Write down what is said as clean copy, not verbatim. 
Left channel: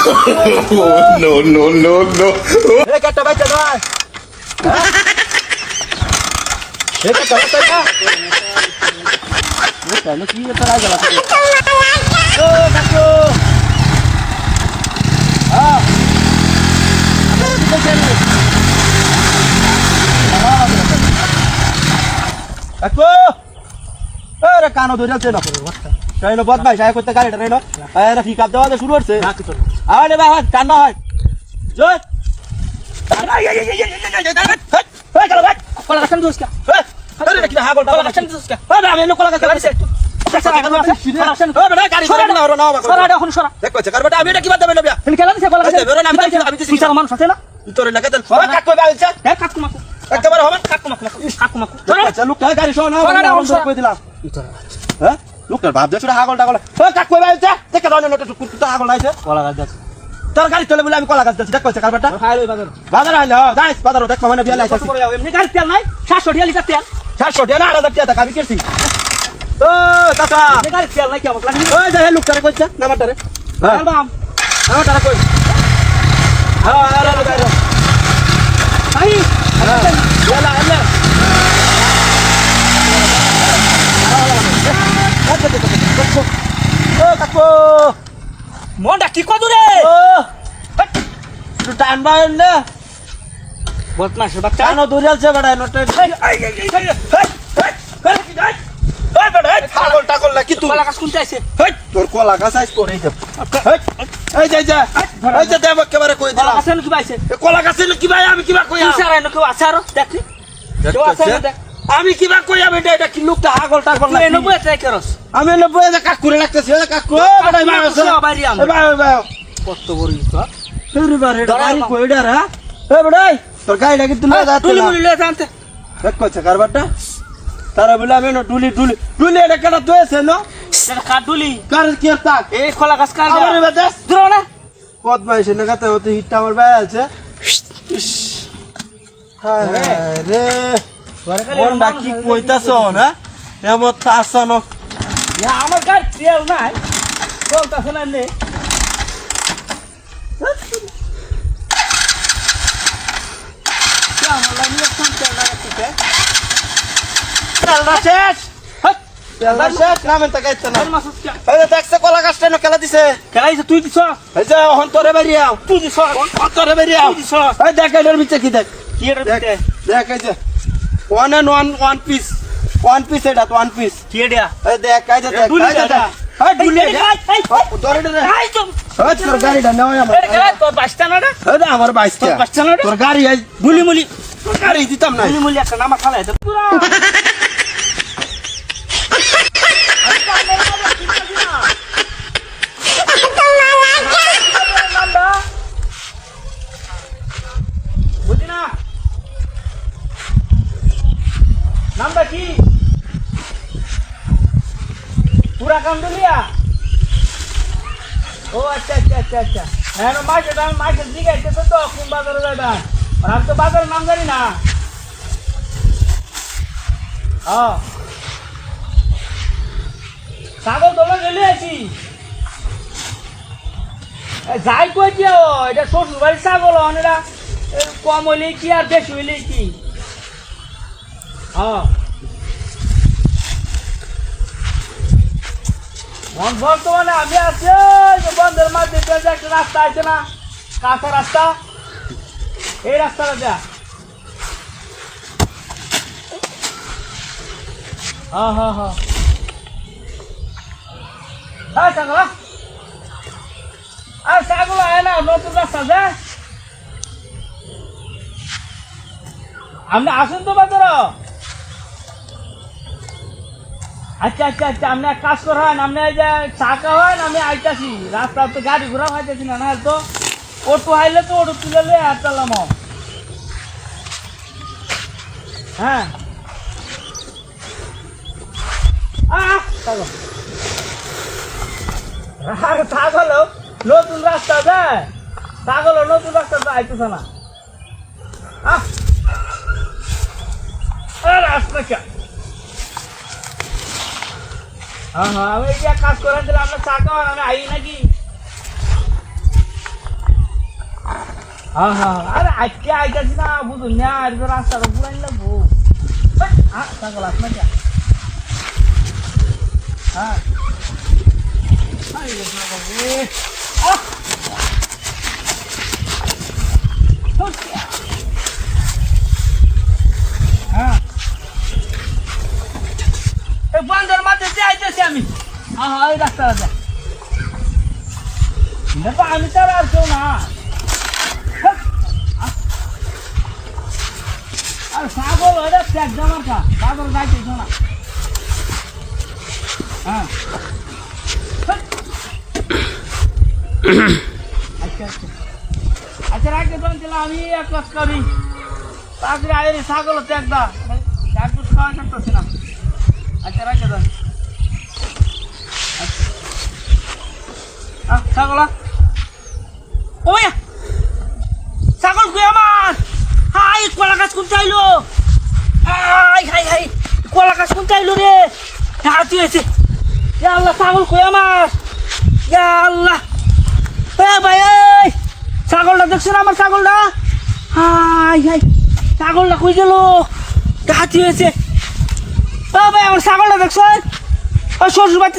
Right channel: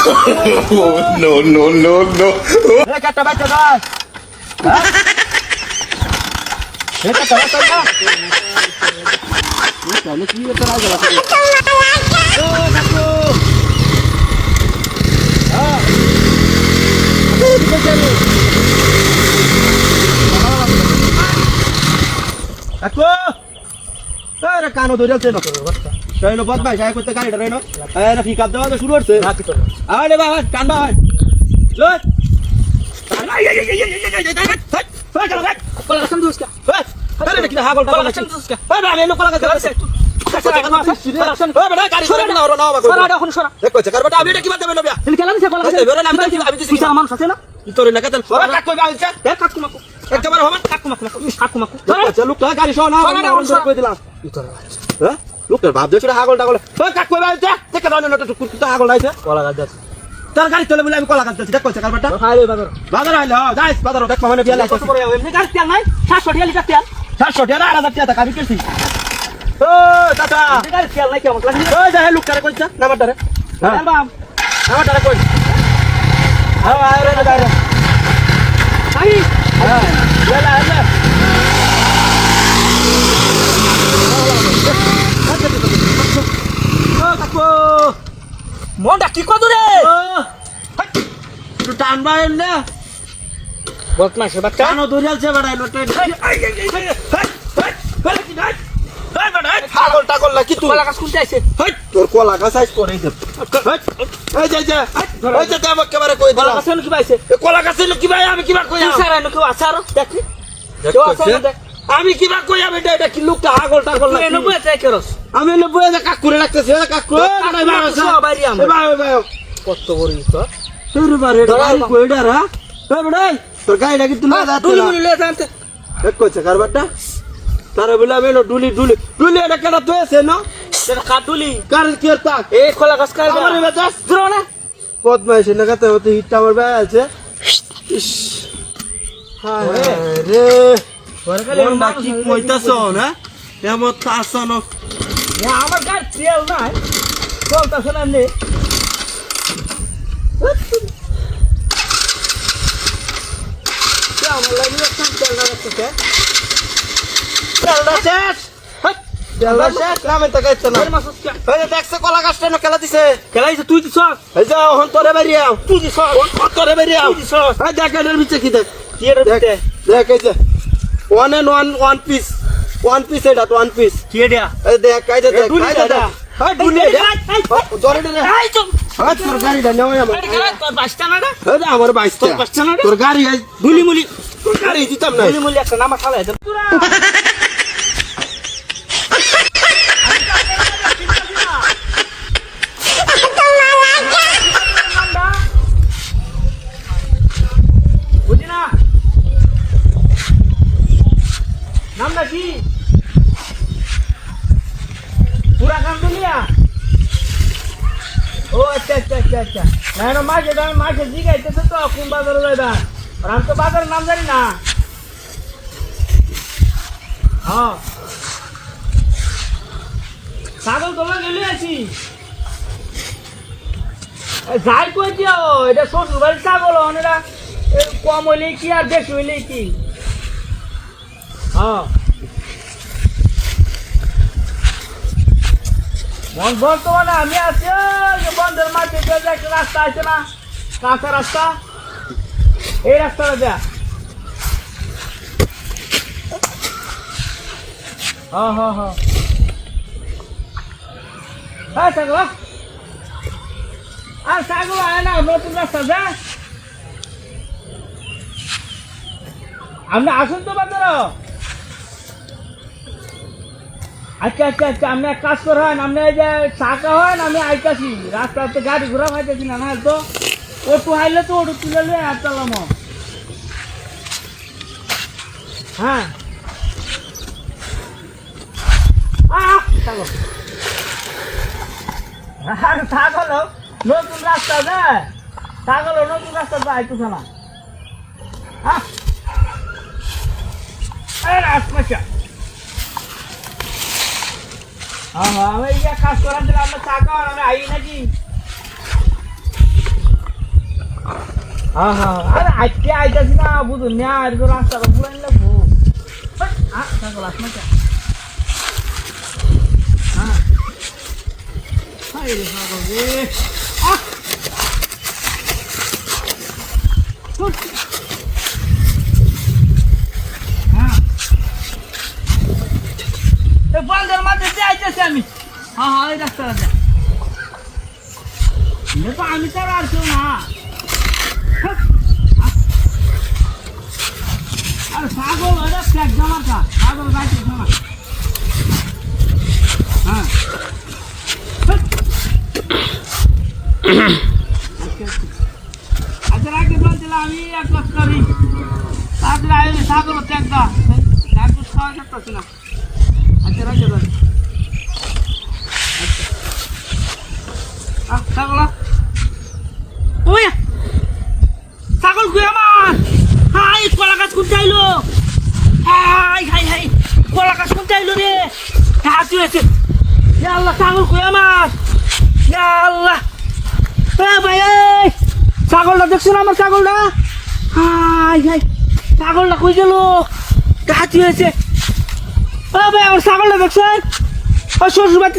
No, no, no, no. একটা বাচ্চা নয় একটা বাচ্চা না কি একটা রাজ গেল ও কাকু কাকু আরে কানো ধরেছে না কইনো বদমাই যাই করতে গাড়িটা রেনো আরে ঠিক আপ দেওয়া শুরু করছে আরে বাবা কান ভাই চল এই চলো ভাই কোলা কাছেন দুসকা আরে দেখি হাগল কোলা কাছেন দুসকা আরে আমি এনে কোলা কাছে আরে দেখ কইছে কারবাটা আমি এটা কি বাদ দেব না খেলা দিছে কোলা কাছে আমি তো সিসার মানুষ আছে না তোরে না কেতেন কাক কই বালছে কাকু মাকু একবার হবে কাকু মাকু আচ্ছা লোক গাড়ি শোনা কই দিলাম হ্যাঁ লোকের ভাব দেখছ হাগল টাগল কাক কই বালছে দেখ কারণ না তো কুকুরটা হাগল আইছে কোলা গাছ যাচ্ছে তোর গাড়ি চলে বলে আমি কোলা গাছ যাচ্ছি দেখ কইছে কারবাটা হাইলে বাজার আইলে যাইস বাজার দেখ মানে বিয়া লাইছে এমনি গাড়ি তেল নাই 700 টাকা লিটার তেল 700 টাকা 8000 টাকা গাড়ি কিনছি ও দাদা গাড়ি তেল নাই কেমন লাগি ওই যা লোক করে কইছ নাম্বারটারে হ্যাঁ নাম্বারটারে কই হ্যাঁ আরে দাদা কাই হ্যাঁ বেলা এলা ও কাকু মনটা কি কত রে ও একটু টান বাইন না বদমাশের বাচ্চা কানো দৌড়ালছে বড়াই নটা পাগল টাগল লাগি তুই কলা গাছ কোনটা আছে হেই তোর কলা গাছ আইছ করে দে এই যা এই যে দেব কেবারে কই দিলা কলা গাছ কি বাইছে কলা গাছ কি ভাই আমি কিবা কই স্যার এনে কেউ আছে আর দেখি কেউ আছে দেখ আমি কিবা কই আমি এটা কি লোকটা পাগল টাগল লাগি এনে বই ট্রাই করস আমি এনে বই যে কাকুরে লাগতেছে কাকু বড়াই বাসা এই বাই কত বড় ইটা তোর বারে গাড়ি কইডা রা এ বড়াই তোর গাড়ি লাগি তুই না যাতে না ডুলি জানতে এক কইছে কারবারটা তারে বলে আমি ডুলি এটা কেডা তুইছে না কেডা কা ডুলি কার কি তা এই খোলা গাছ কার আমার বাতাস ধরো না বদমাইশ না কাতে হতে হিট আমার ভাই আছে হায় রে ওর নাকি কইতাছ না এমন তাছানো আমার গাড়ি তেল নাই চলতাছ না নে আমার লাগি খুব তেল লাগছে তেলটা শেষ তেলটা শেষ নামে তো গাইছ না এই দেখছ কলা গাছটা না খেলা দিছে খেলাইছে তুই দিছ এই যে অহন তোরে বেরিয়াও তুই দিছ তোরে বেরিয়াও এই দেখ এর ভিতরে কি দেখ কি এর ভিতরে দেখ এই যে ওয়ান পিস এটা ওয়ান পিস কি এটা এই দেখ এই যে দেখ এই যে দেখ এই ডুলি জরি দে এই চল তোর গাড়িটা নাও আমার এটা খেলা তোর বাসটা না এটা আমার বাসটা তোর গাড়ি ডুলি মুলি তোর গাড়ি দিতাম না ডুলি মুলি একটা নামা খালাই দে পুরা নামটা কি পুরা কান্দুলিয়া ও আচ্ছা হ্যাঁ মাঝে জিগাইতেছে তো কোন বাজারে যাইবা আর আমি তো বাজারের নাম জানি না হ্যাঁ ছাগল তোলা গেলে আছি যাই কই কি এটা শ্বশুর বাড়ির ছাগল অনেকটা কম হইলে কি আর বেশি হইলে কি হ্যাঁ বর্তমানে আমি আছি বন্ধের মাঝে একটা রাস্তা আছে না কাঁচা রাস্তা এই রাস্তাটা দেয়া হ্যাঁ ছাগল আর ছাগল আয় না নতুন রাস্তা যে আপনি আসুন তো বাজার আচ্ছা আপনি এক কাজ করেন আপনি এই যে চাকা হয় আমি আইতাছি রাস্তাতে গাড়ি ঘোরা হইতেছি না তো অটো হাইলে তো অটো তুলে লে আর চালাম হ্যাঁ ছাগল নতুন রাস্তা দেয় ছাগল নতুন রাস্তা আইতেছে না রাস্তা কে আমি কাজ করার দিলে আপনার চাকা আমি আই নাকি হ্যাঁ হ্যাঁ আরে আজকে আইতাছি না বুঝুন না আজকে রাস্তা ঘুরাই লাগবো ছাগল আসলে হ্যাঁ হ্যাঁ বন্ধের মাঝে যাইতেছি আমি হ্যাঁ হ্যাঁ ওই রাস্তাটা দেখো আমি তো আর কেউ না আর ছাগল এটা প্যাক জামার কা ছাগল গাইতে শোনা হ্যাঁ আচ্ছা আচ্ছা আচ্ছা রাখতে বলছিলাম আমি এক কাজ করি তারপরে আইলে ছাগল প্যাক দা ডাক্তার খাওয়া করতেছি না আচ্ছা রাখতে দেন আচ্ছা ছাগল ওই ছাগল গুয়ে আমার হাই কলা গাছ কোন চাইলো হাই হাই হাই কলা গাছ কোন চাইলো রে হাতি হয়েছে আল্লাহ ছাগল গুয়ে আমার আল্লাহ এ ভাই এই ছাগলটা দেখছেন আমার ছাগলটা হাই হাই ছাগলটা কই গেল হাতি হয়েছে এ ভাই আমার ছাগলটা দেখছেন শ্বশুর বাড়ি